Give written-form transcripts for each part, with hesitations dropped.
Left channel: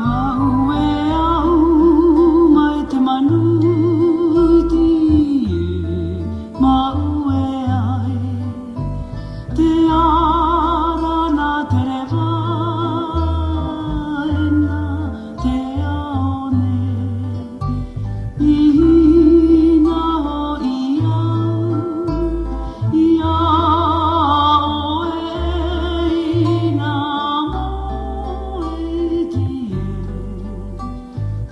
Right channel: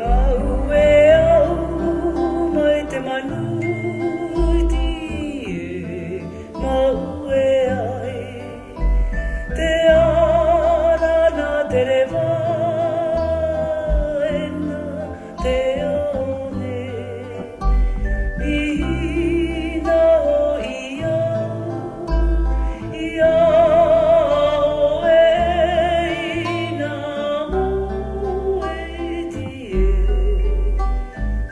Maue au mai te manuiti e maue ai te ara na te rewaena te aone ina ho ia o e ina moe tie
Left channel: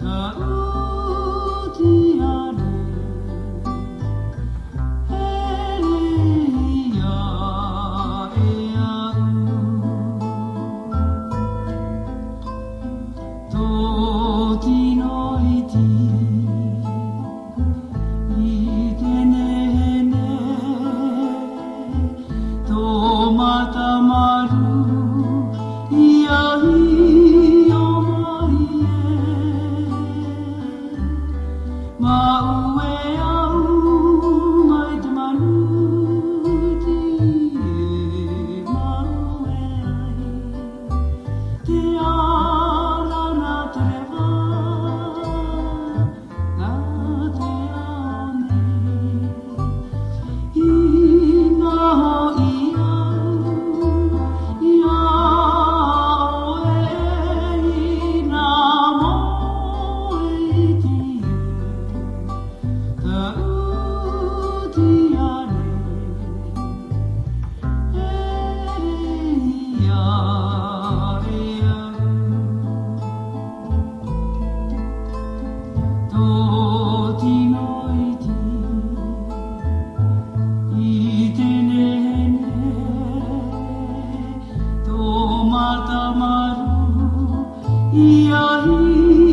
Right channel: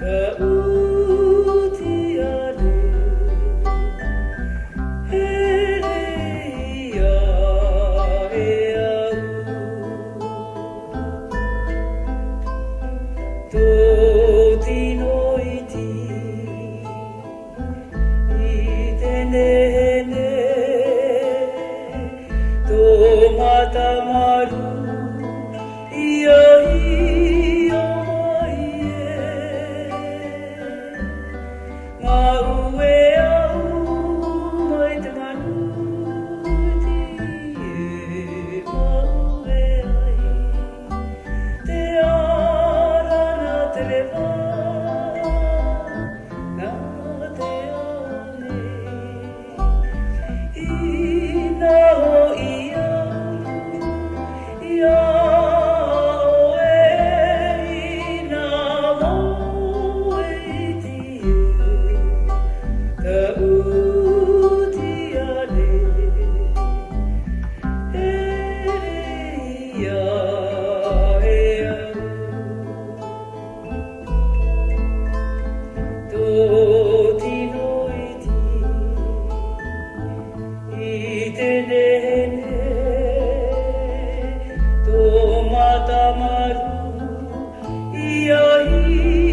ta uti ale ere ia e au tō tino iti I tenene tō mata maru ia hi o mai maue au mai te manuti e maue ai te ara na te rewa na te aone ina ho ia o e ina moe tie ta uti ale ere ia e au tō tino iti I tenene tō mata maru ia hi